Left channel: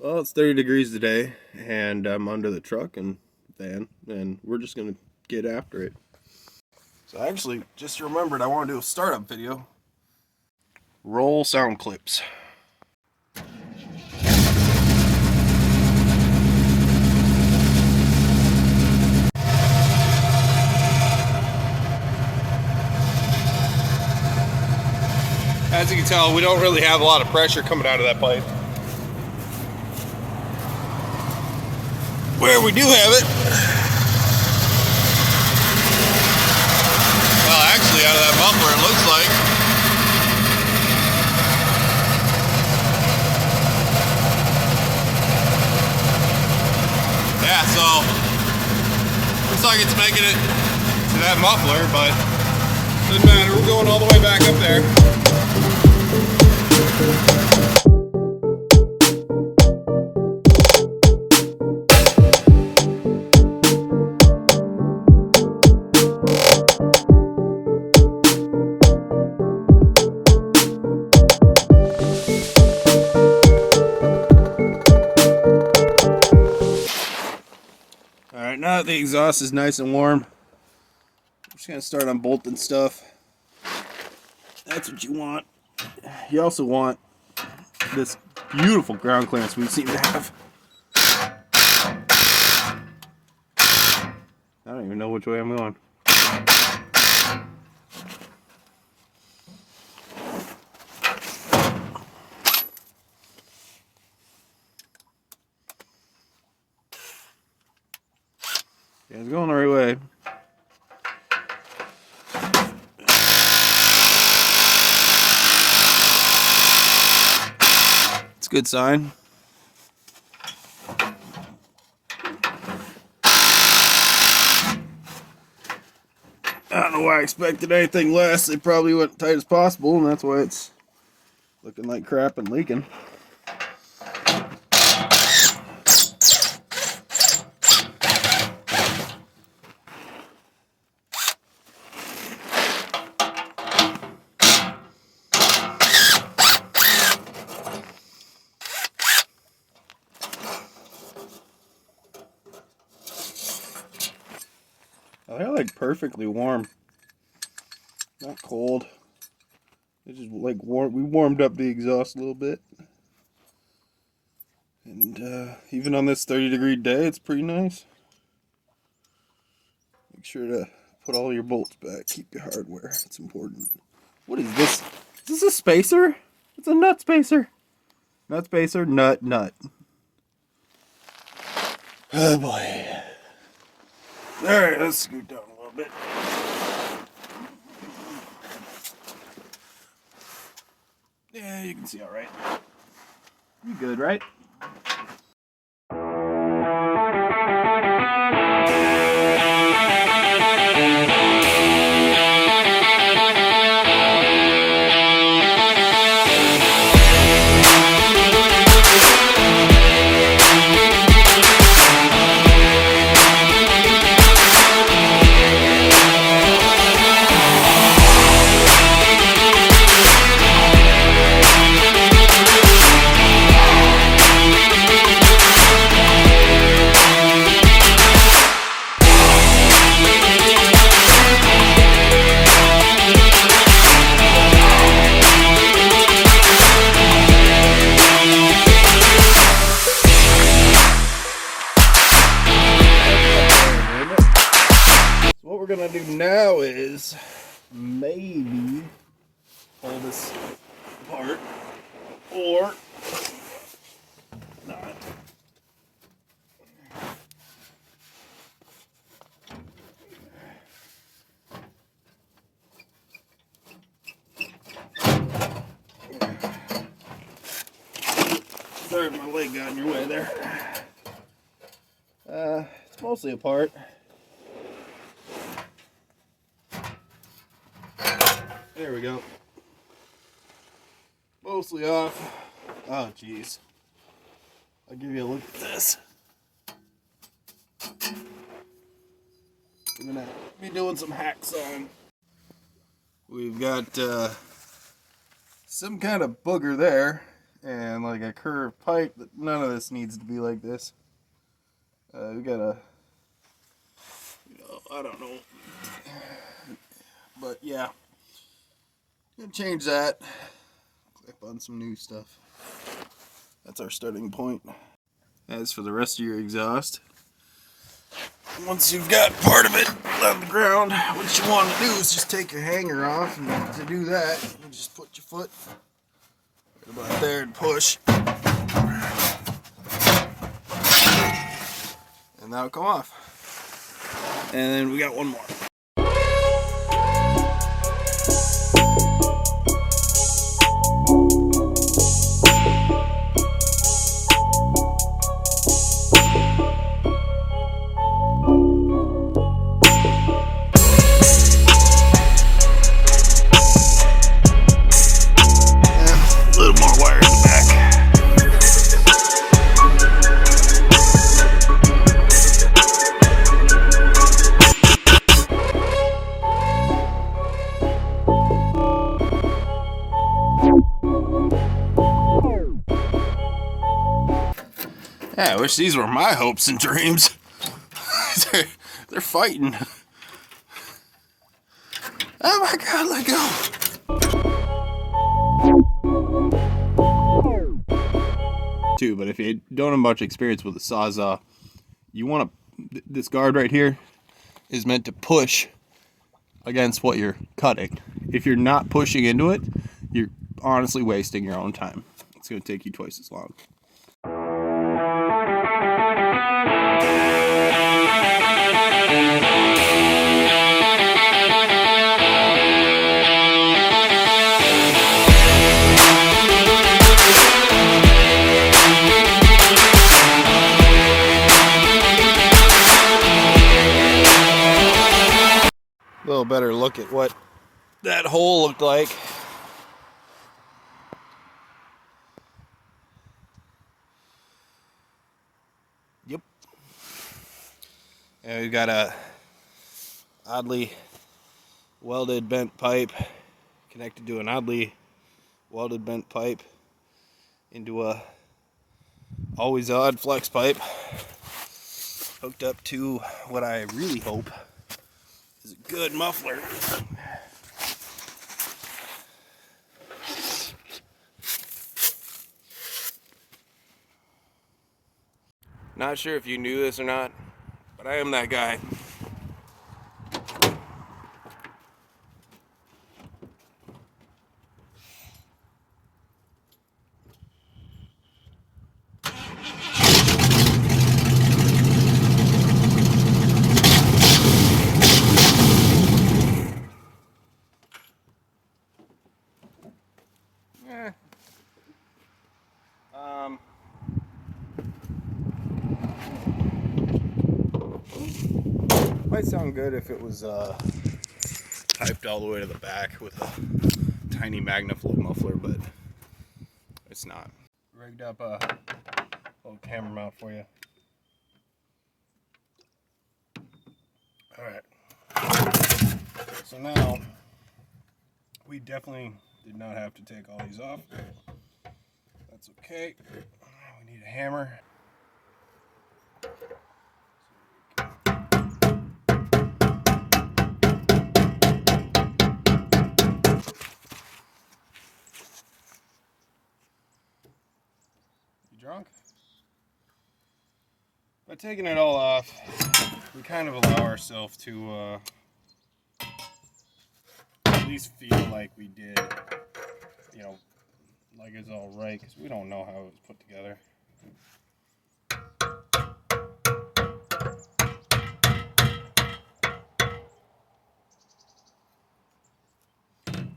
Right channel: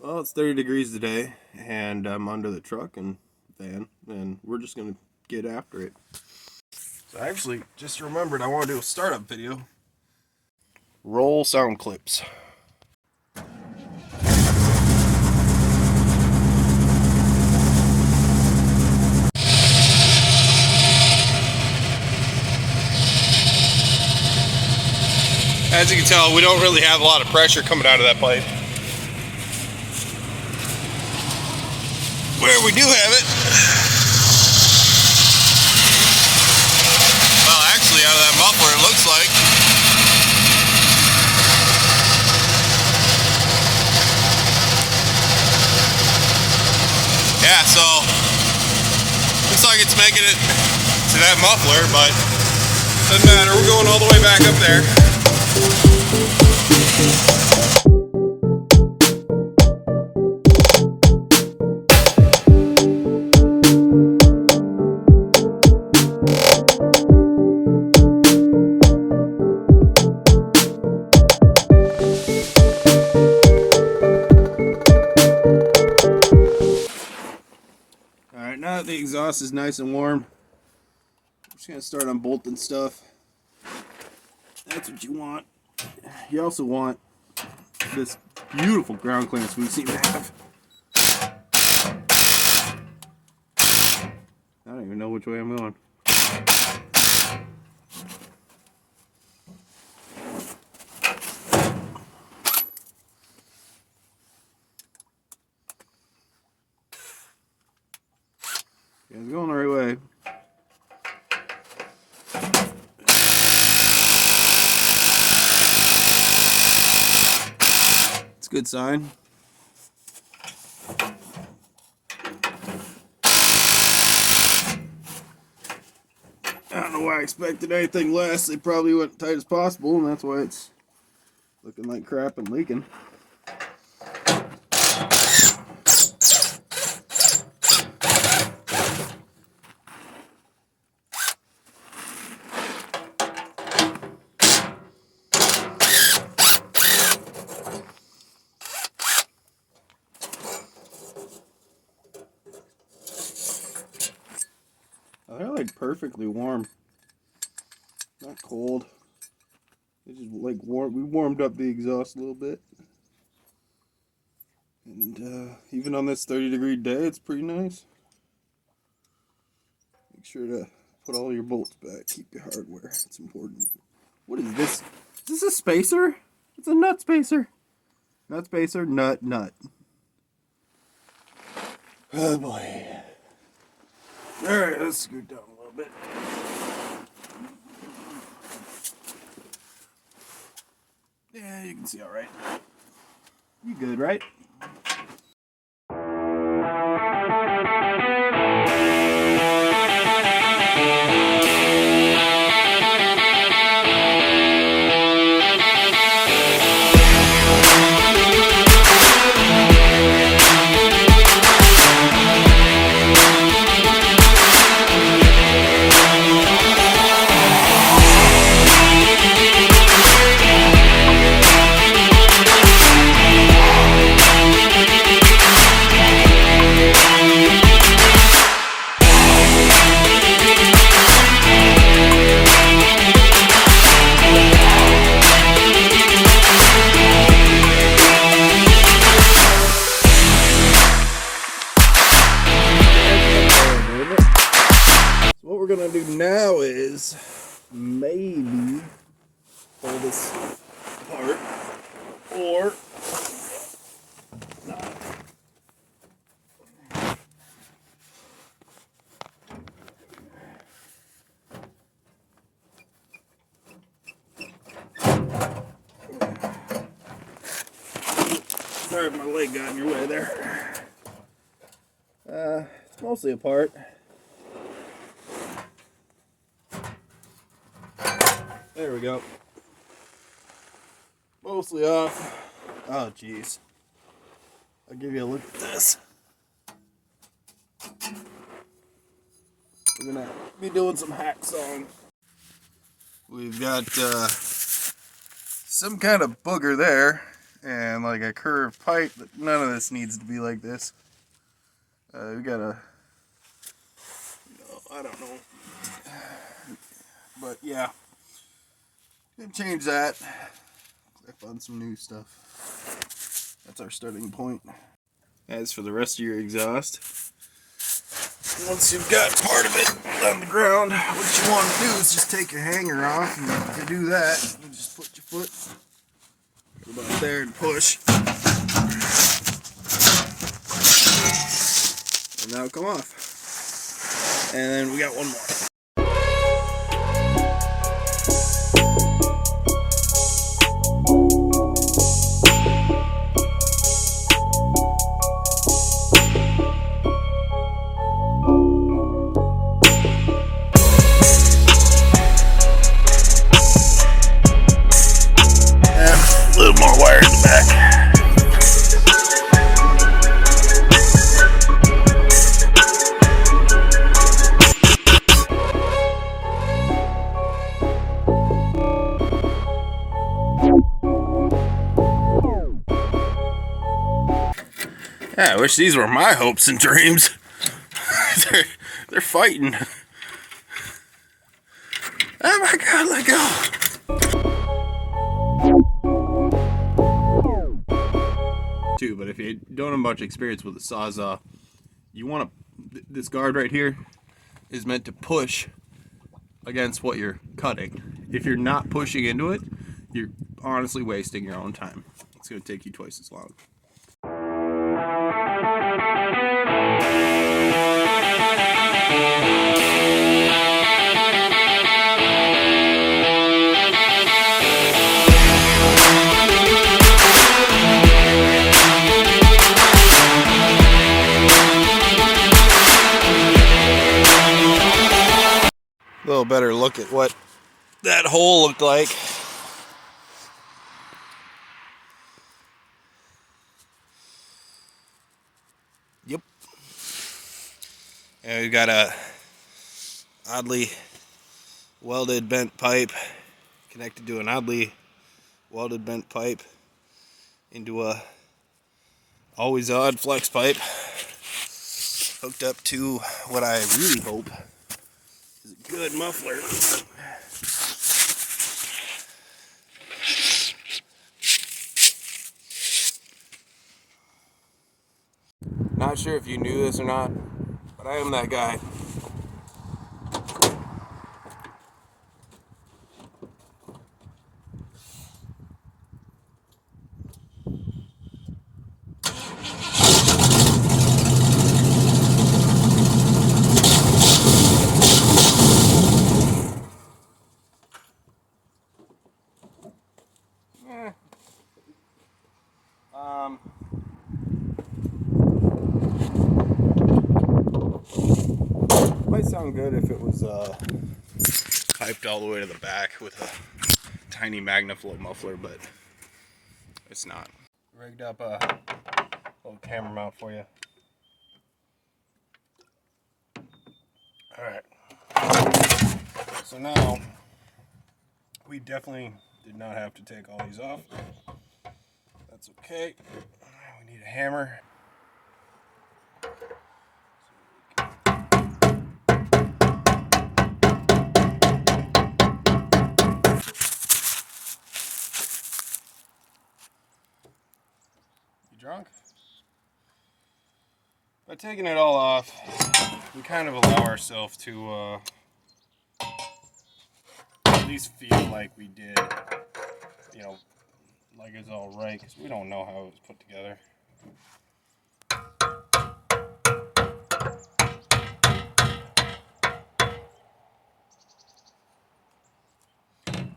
Well, it's 30 degrees today, and I'm under the truck and van, and we're just gonna get after it. So I actually just remembered I want to do a startup video. Roll sound clips. As you can tell, we don't really have a lot of pressure coming out of that pipe. Where we do have it, well, actually out of that muffler it looks like. Yeah, so looks like it's making it to that muffler, but doesn't matter, we're going all the way back up there. Alright, now that the exhaust is nice and warm, I'm just going to start unbolting stuff. That's what you want. You also want this beautiful ground clearance we seem to have. I don't even know which way I'm going. Yeah, it's going the right way. It's a good sign. I don't know why I expected anything less. They probably went tight as possible, and that's why it's looking like crap and leaking. They're like perfectly warm, not cold. It's just like warm. We warmed up the exhaust a little bit, and even on this 30-degree day, it's pretty nice. Make sure to put all your bolts back. Keep your hardware. It's important. What is this? Is this a spacer? It's a nut spacer. Nut spacer. Nut. Oh boy. Alright, let's scoot down a little bit. Yeah, you can see alright. You good, right? What we're gonna do now is maybe pull this apart or not. Sorry if my leg got in your way there. It's mostly apart. There we go. Mostly off. Oh, jeez. I'll give you a look at this. We're gonna be doing some hacksawing. We've got some kind of booger there, and like a curved pipe. None of this needs to be like this. We gotta, I don't know, but yeah, gonna change that. Clip on some new stuff. That's our starting point. As for the rest of your exhaust, once you've got part of it on the ground, what you want to do is just take your hanger off, and to do that, you just put your foot about there and push, and that'll come off. And then we got one more. A little more wire in the back. Yeah, I wish these were my hopes and dreams. they're fighting. Oh my God, let go. Too, but if you don't have much experience with a Sawzall, you want to, this guard right here is meant to push against what you're cutting. If you're not pushing into it, you're honestly wasting your own time. It's going to take you twice as long. A little better look at what that hole looked like. Yep. And we've got a oddly welded bent pipe connected to an oddly welded bent pipe into a always odd flex pipe hooked up to what I really hope is a good muffler. Not sure if you knew this or not, but I am that guy. Might sound good if it was piped all the way to the back with a tiny MagnaFlow muffler, but it's not. Rigged up a little camera mount for you. Alright. So now, we definitely did not have to take all these off. That's okay. We need a hammer. Drunk? By taking it all off, we kind of allow ourselves to at least feel like we did, you know, like it's all right, because we don't know how it was put together.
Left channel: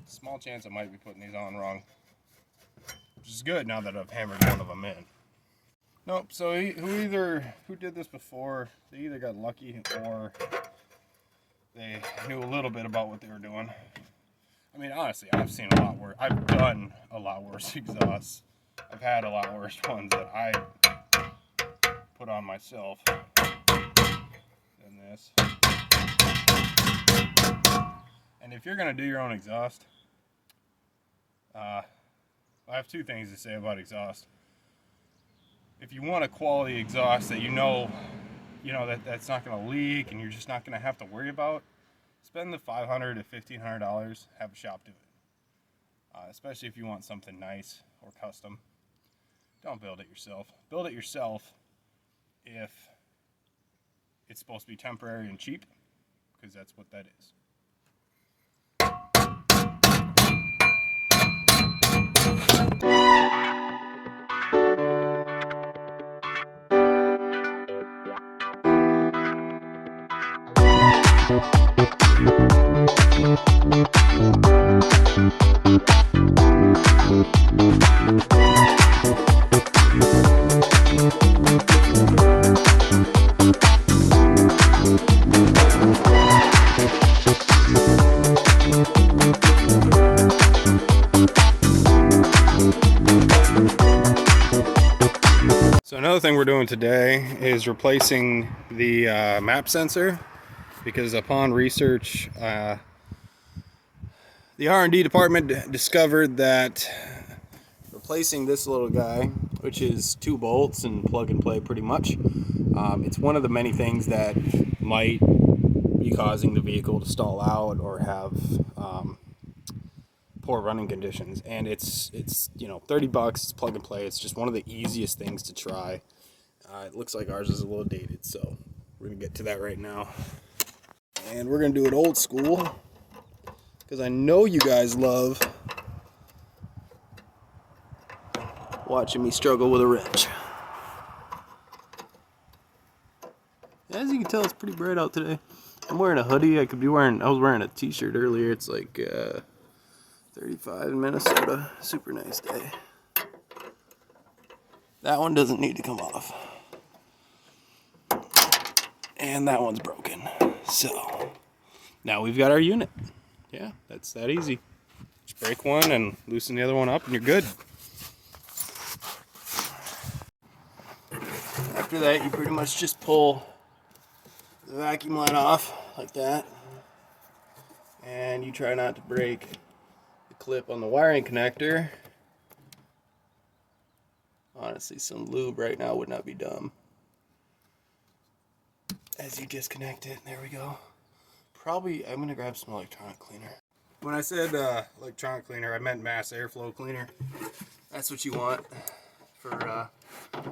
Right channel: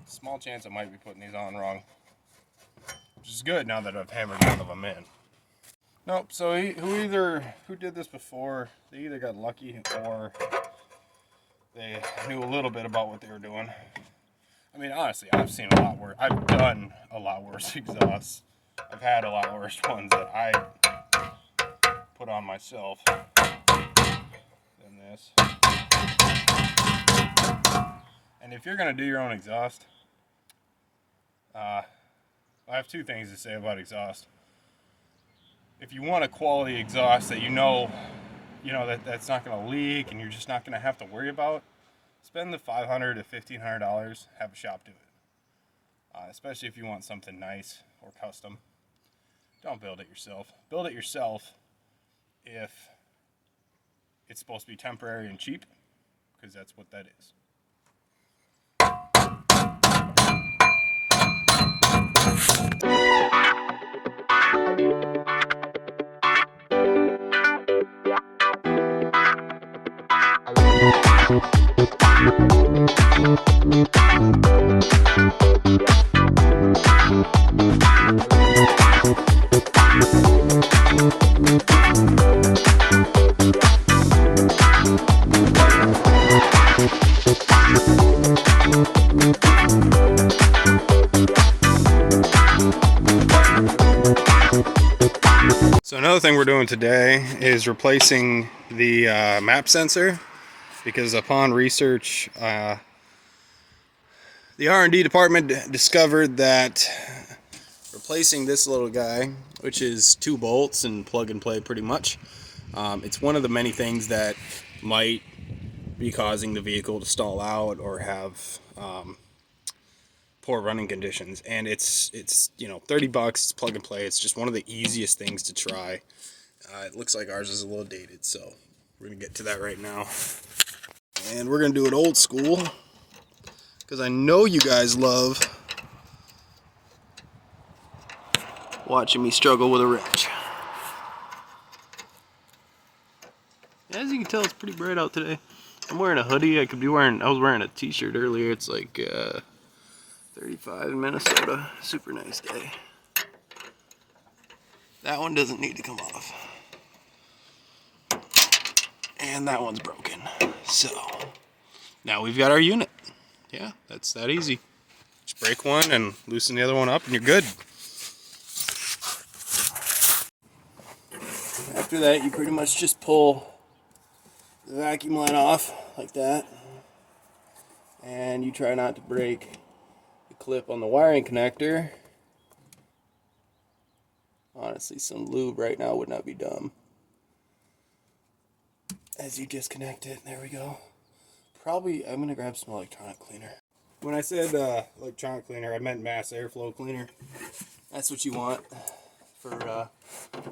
Small chance I might be putting these on wrong, which is good now that I've hammered one of them in. Nope, so who did this before, they either got lucky or they knew a little bit about what they were doing. I mean, honestly, I've seen a lot worse. I've done a lot worse exhausts. I've had a lot worse ones that I put on myself than this. And if you're going to do your own exhaust, I have two things to say about exhaust. If you want a quality exhaust that you know that's not going to leak and you're just not going to have to worry about, spend the $500 to $1,500, have a shop do it. Especially if you want something nice or custom. Don't build it yourself. Build it yourself if it's supposed to be temporary and cheap, because that's what that is. So another thing we're doing today is replacing the map sensor, because upon research, the R&D department discovered that replacing this little guy, which is 2 bolts and plug and play pretty much, it's one of the many things that might be causing the vehicle to stall out or have poor running conditions. And it's $30, it's plug and play. It's just one of the easiest things to try. It looks like ours is a little dated, so we're gonna get to that right now. And we're gonna do it old school, because I know you guys love watching me struggle with a wrench. As you can tell, it's pretty bright out today. I'm wearing a hoodie. I was wearing a t-shirt earlier. It's like 35 in Minnesota. Super nice day. That one doesn't need to come off. And that one's broken. So now we've got our unit. Yeah, that's that easy. Just break one and loosen the other one up and you're good. After that, you pretty much just pull the vacuum line off like that. And you try not to break the clip on the wiring connector. Honestly, some lube right now would not be dumb. As you disconnect it, there we go. Probably, I'm gonna grab some electronic cleaner. When I said electronic cleaner, I meant mass airflow cleaner. That's what you want for,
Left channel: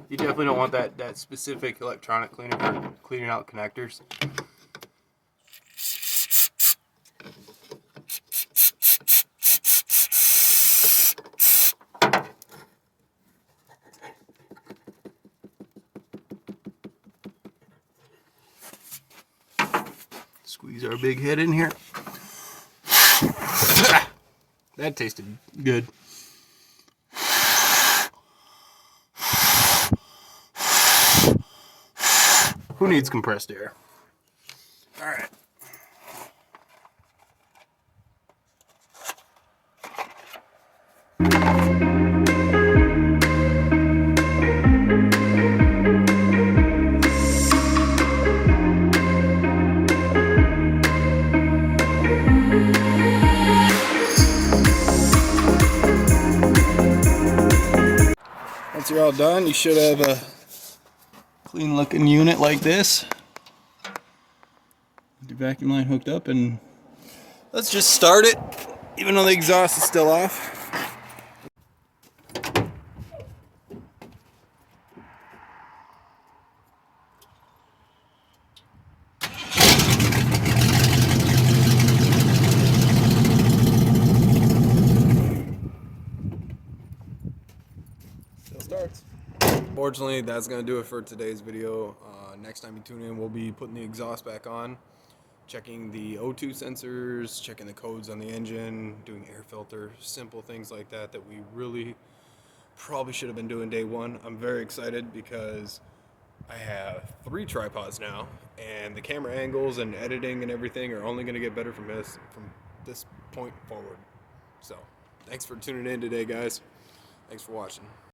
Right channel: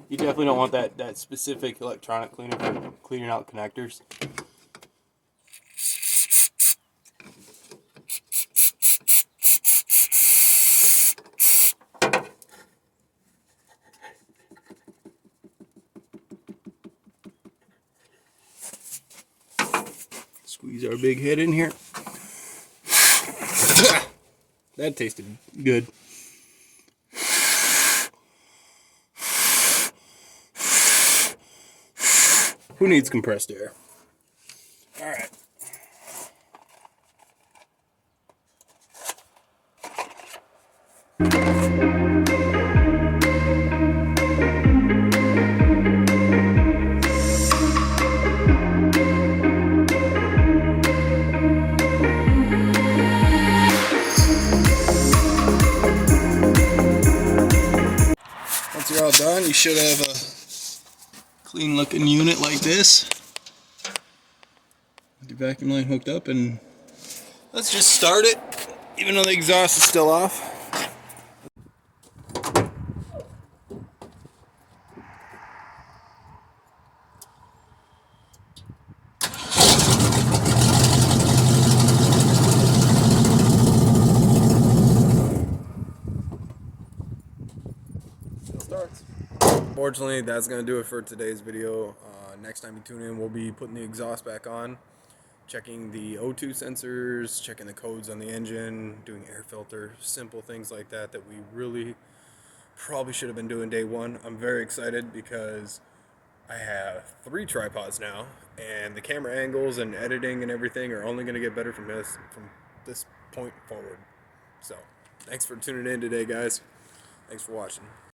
you definitely don't want that specific electronic cleaner for cleaning out connectors. Squeeze our big head in here. That tasted good. Who needs compressed air? All right. Once you're all done, you should have a clean looking unit like this. With your vacuum line hooked up, and let's just start it, even though the exhaust is still off. Starts. Unfortunately, that's going to do it for today's video. Next time you tune in, we'll be putting the exhaust back on, checking the O2 sensors, checking the codes on the engine, doing air filter, simple things like that we really probably should have been doing day one. I'm very excited because I have 3 tripods now, and the camera angles and editing and everything are only going to get better from this point forward. So, thanks for tuning in today, guys. Thanks for watching.